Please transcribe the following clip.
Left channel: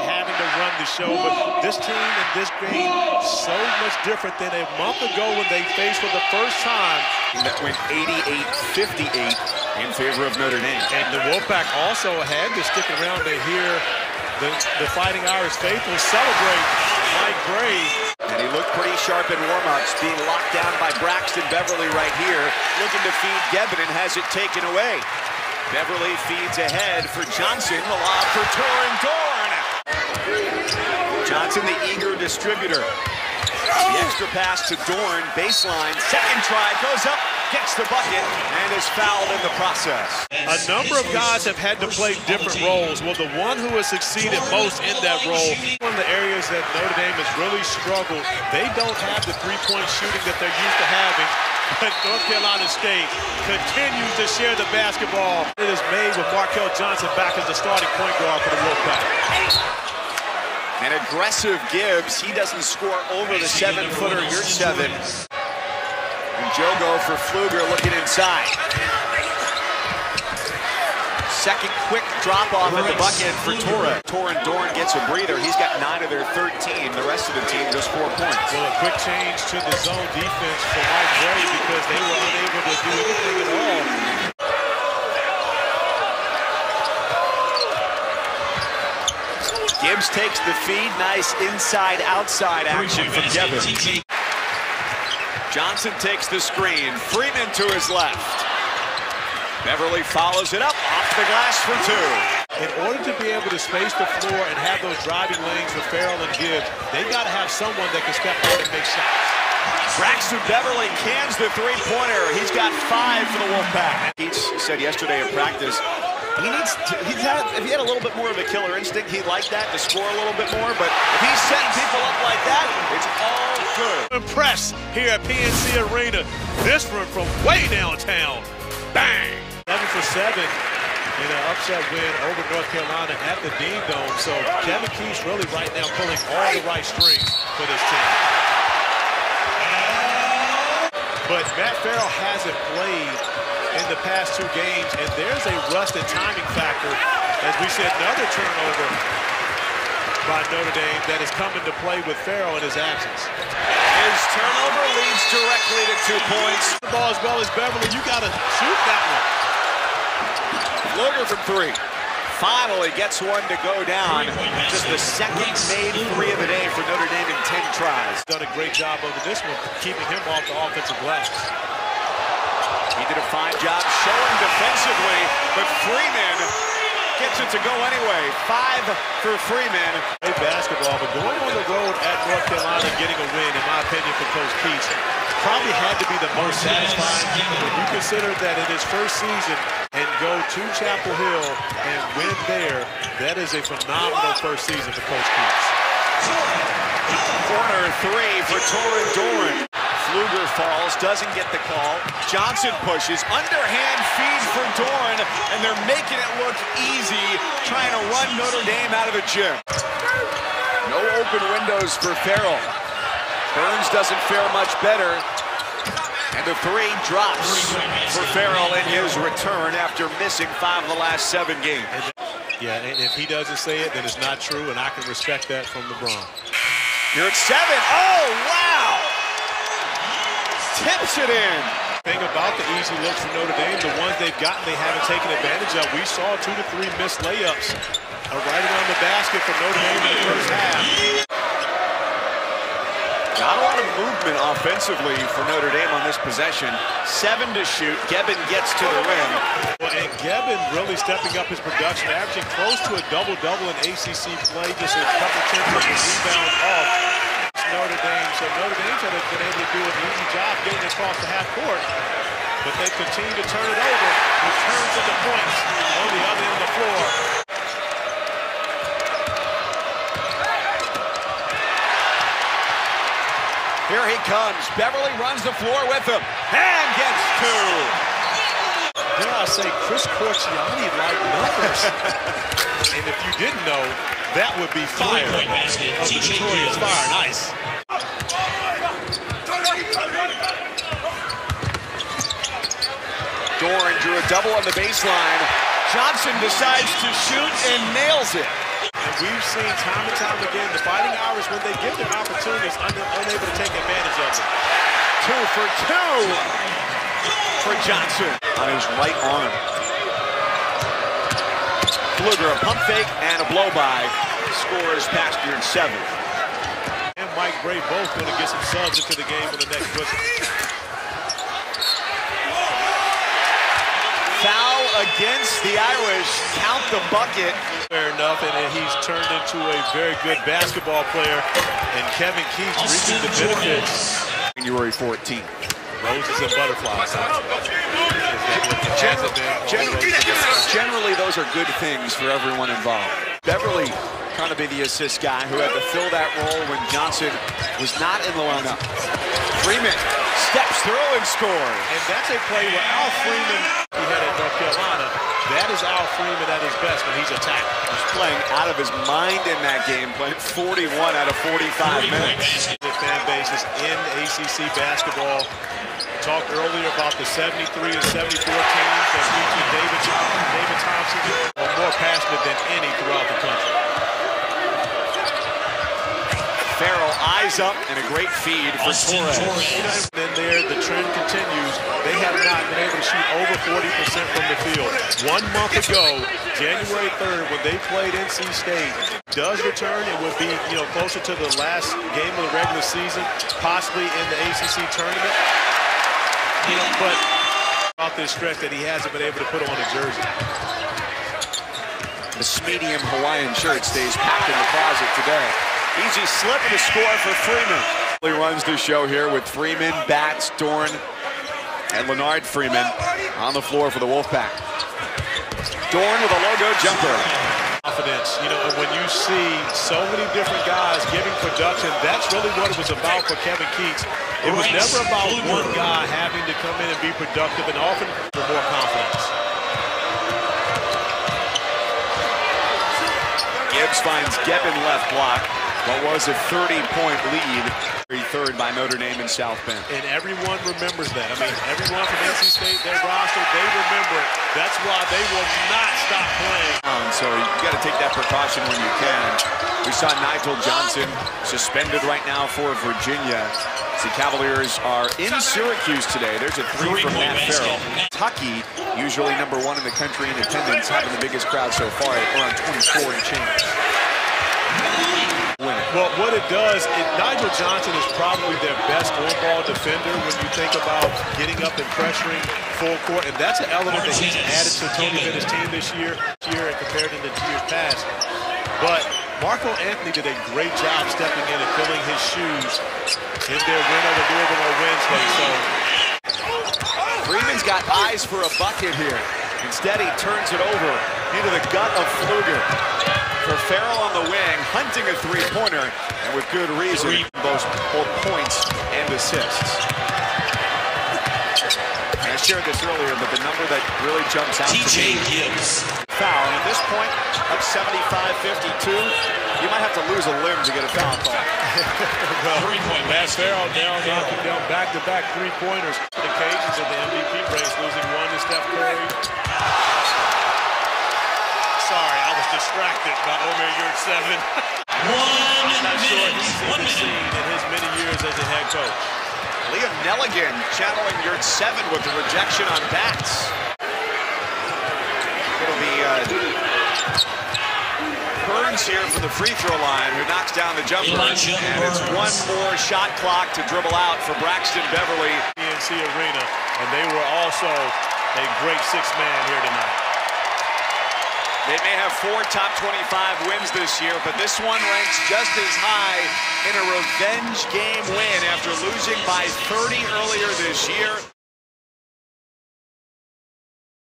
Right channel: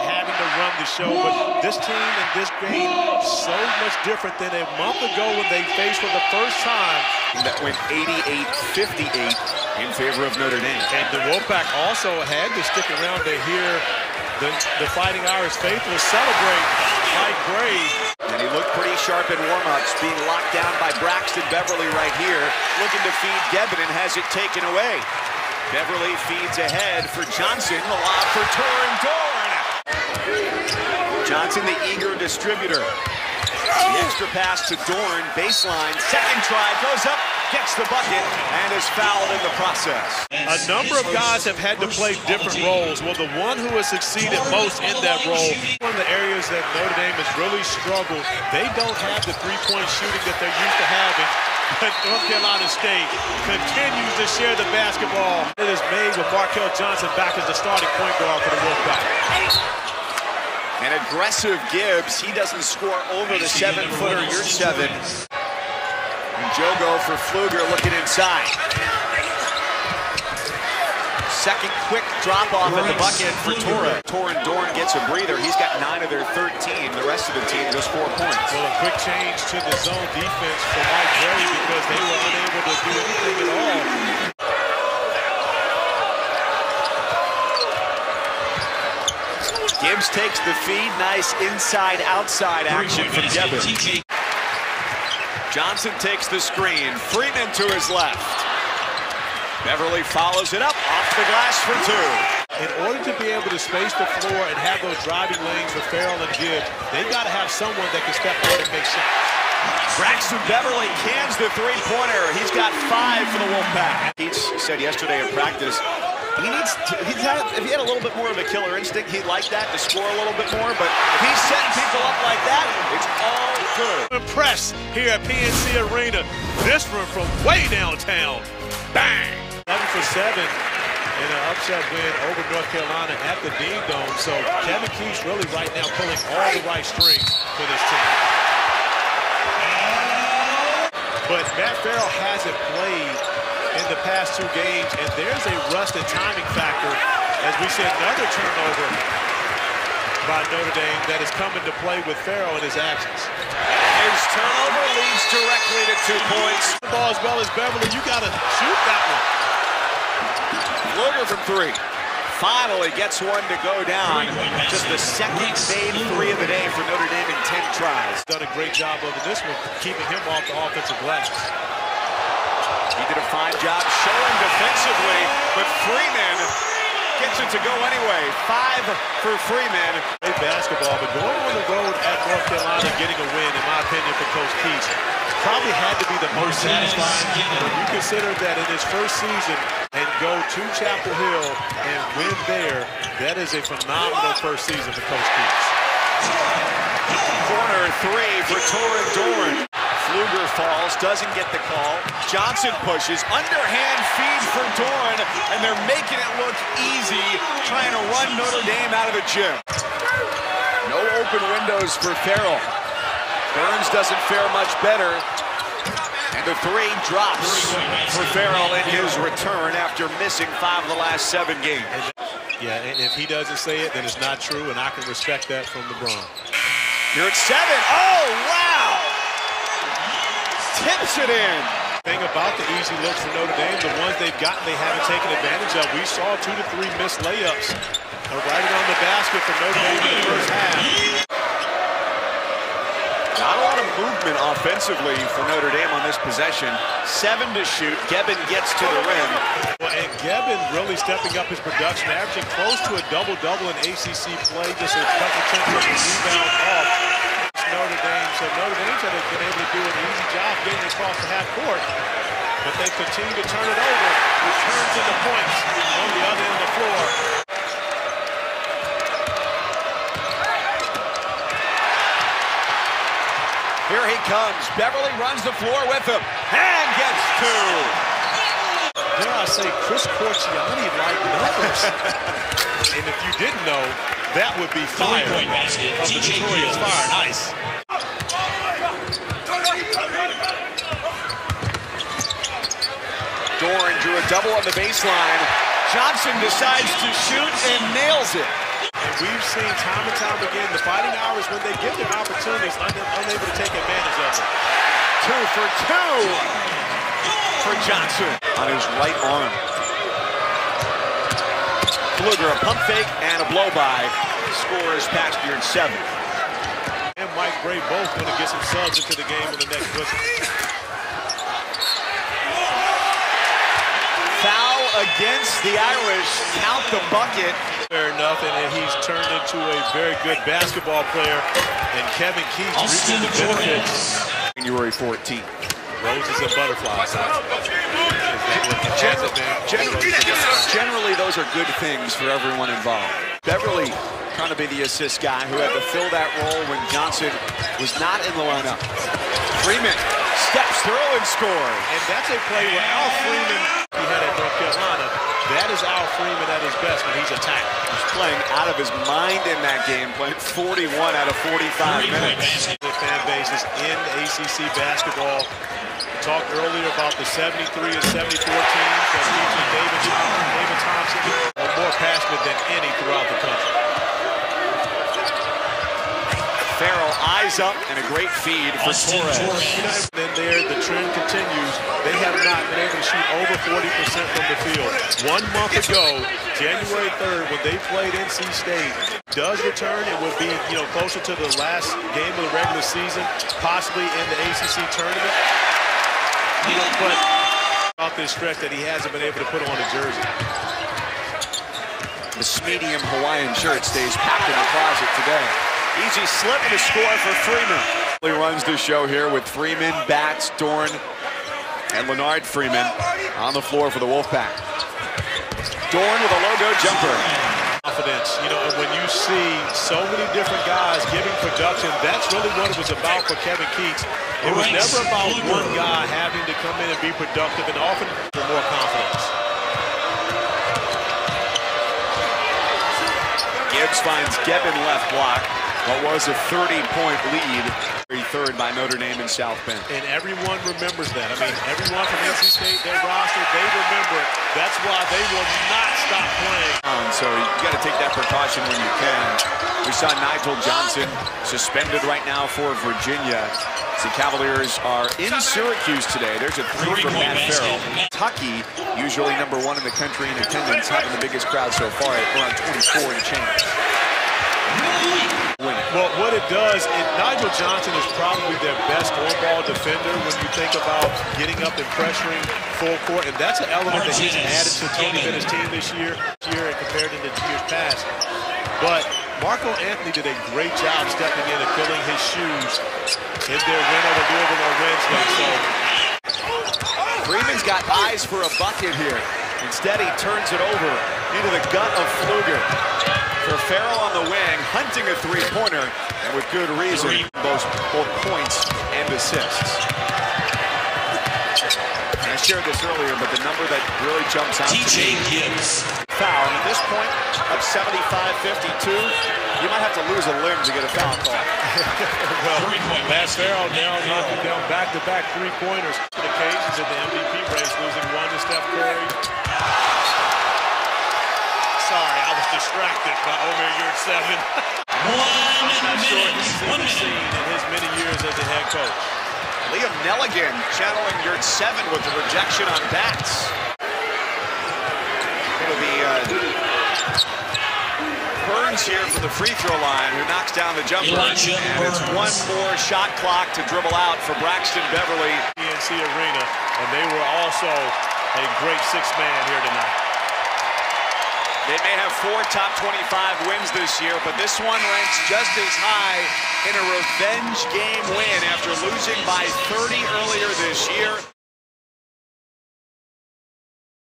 of having to run the show, but this team in this game so much different than a month ago when they faced for the first time. That went 88-58 in favor of Notre Dame. And the Wolfpack also had to stick around to hear the Fighting Irish faithful celebrate Mike Bray. And he looked pretty sharp in warm-ups, being locked down by Braxton Beverly right here, looking to feed Gebbin and has it taken away. Beverly feeds ahead for Johnson, the lob for Torin Dorn. Johnson, the eager distributor. The extra pass to Dorn, baseline, second try, goes up, gets the bucket, and is fouled in the process. A number of guys have had to play different roles. Well, the one who has succeeded most in that role, one of the areas that Notre Dame has really struggled, they don't have the three-point shooting that they're used to having, but North Carolina State continues to share the basketball. It is made with Markel Johnson back as the starting point guard for the Wolfpack. An aggressive Gibbs. He doesn't score over the 7-footer. You're 7. And Jogo for Pfluger looking inside. Second quick drop-off at the bucket for Torre. Torin Dorn gets a breather. He's got 9 of their 13. The rest of the team just 4 points. Well, a quick change to the zone defense for Mike Bray because they were unable to do anything at all. Gibbs takes the feed. Nice inside-outside action from Gebbin. Johnson takes the screen. Freeman to his left. Beverly follows it up, off the glass for 2. In order to be able to space the floor and have those driving lanes for Farrell and Gibbs, they've got to have someone that can step out and make shots. Braxton Beverly cans the three-pointer. He's got 5 for the Wolfpack. He said yesterday in practice, if he had a little bit more of a killer instinct, he'd like that to score a little bit more, but if he's setting people up like that, it's all good. Impressed here at PNC Arena. This one from way downtown. Bang! 7 for 7 in an upset win over North Carolina at the Dean Dome. So Kevin Keith's really right now pulling all the right strings for this team. But Matt Farrell hasn't played in the past 2 games, and there's a rust and timing factor. As we said, another turnover by Notre Dame that is coming to play with Farrell in his absence. His turnover leads directly to 2 points. The ball as well as Beverly, you got to shoot that one. Pfluger from 3. Finally gets one to go down. Just the second made 3 of the day for Notre Dame in 10 tries. Done a great job over this one, keeping him off the offensive glass. He did a fine job showing defensively, but Freeman gets it to go anyway. 5 for Freeman. Great basketball, but going on the road at North Carolina, getting a win, in my opinion, for Coach Keith, probably had to be the most satisfying when you consider that in his first season and go to Chapel Hill and win there. That is a phenomenal first season for Coach Keith. Corner 3 for Torin Dorn. Pfluger falls, doesn't get the call. Johnson pushes, underhand feed for Dorn, and they're making it look easy, trying to run Notre Dame out of the gym. No open windows for Farrell. Burns doesn't fare much better. And the 3 drops for Farrell in his return after missing 5 of the last 7 games. Yeah, and if he doesn't say it, then it's not true, and I can respect that from LeBron. You're at 7. Oh, wow! Tips it in. Thing about the easy looks for Notre Dame, the ones they've gotten, they haven't taken advantage of. We saw 2 to 3 missed layups right around the basket for Notre Dame in the first half. Not a lot of movement offensively for Notre Dame on this possession. 7 to shoot. Gebbin gets to the rim. Well, and Gebbin really stepping up his production, averaging close to a double-double in ACC play, just a couple tenths of a rebound off Notre Dame. So Notre Dame's had been able to do an easy job getting across the half court, but they've continued to turn it over, which turns into points on the other end of the floor. Here he comes. Beverly runs the floor with him and gets 2. Dare I say, Chris Corciani-like numbers. And if you didn't know, that would be Fire of the notorious Fire and Ice. Dorn drew a double on the baseline. Johnson decides to shoot and nails it. And And we've seen time and time again, the Fighting Irish, when they get their opportunities, unable to take advantage of them. 2 for 2 for Johnson on his right arm. Fluger, a pump fake and a blow-by. Scores Pastured 7. And Mike Bray both going to get some subs into the game on the next whistle. Foul against the Irish. Count the bucket. Fair enough, and he's turned into a very good basketball player. And Kevin Keats reaping the benefits. January 14th. Roses and butterflies, huh? Is that what it hasn't been? Roses and butterflies? Generally, those are good things for everyone involved. Beverly trying to be the assist guy who had to fill that role when Johnson was not in the lineup. Freeman steps through and scores. And that's a play where Al Freeman, he had at North Carolina, that is Al Freeman at his best when he's attacked. He's playing out of his mind in that game, playing 41 out of 45 minutes. The fan base is in ACC basketball. We talked earlier about the 73 and 74 teams that featured David Thompson, are more passionate than any throughout the country. Farrell eyes up and a great feed for Torres. You know, and then there the trend continues. They have not been able to shoot over 40% from the field. 1 month ago, January 3rd, when they played NC State, does return. It would be, you know, closer to the last game of the regular season, possibly in the ACC tournament. You know, but off this stretch that he hasn't been able to put on a jersey. The medium Hawaiian shirt stays packed in the closet today. Easy slip and a score for Freeman. He runs the show here with Freeman, Batts, Dorn, and Leonard Freeman on the floor for the Wolfpack. Dorn with a logo jumper. Confidence, you know, and when you see so many different guys giving production, that's really what it was about for Kevin Keats. It was never about one guy having to come in and be productive, and often for more confidence. Gibbs finds Gebbin left block. What was a 30-point lead, 3rd by Notre Dame in South Bend. And everyone remembers that. I mean, everyone from NC State, their roster, they remember it. That's why they will not stop playing. So you got to take that precaution when you can. We saw Nigel Johnson suspended right now for Virginia. The Cavaliers are in Syracuse today. There's a 3 from Matt Farrell. Kentucky, usually #1 in the country in attendance, having the biggest crowd so far at around 24 and change. Well, what it does, Nigel Johnson is probably their best on-ball defender when you think about getting up and pressuring full court, and that's an element that he's added to Tony Bennett's team this year and compared to the years past. But Marco Anthony did a great job stepping in and filling his shoes in their win over Louisville on Wednesday. So Freeman's got eyes for a bucket here. Instead, he turns it over into the gut of Fluger. For Farrell on the wing, hunting a 3-pointer, and with good reason, both points and assists. And I shared this earlier, but the number that really jumps out to me, foul, and at this point, up 75-52, you might have to lose a limb to get a foul call. Well, Matt Farrell now knocking down back-to-back 3-pointers. Occasions of the MVP race, losing 1 to Steph Curry. Sorry, I was distracted by Omer Yurt 7. I'm not sure he's even seen in his many years as a head coach. Liam Nelligan channeling Yurt 7 with the rejection on Batts. It'll be Burns here from the free throw line who knocks down the jumper. And it's 1 more shot clock to dribble out for Braxton Beverly. PNC Arena, and they were also a great 6-man here tonight. They may have 4 top 25 wins this year, but this one ranks just as high in a revenge game win after losing by 30 earlier this year.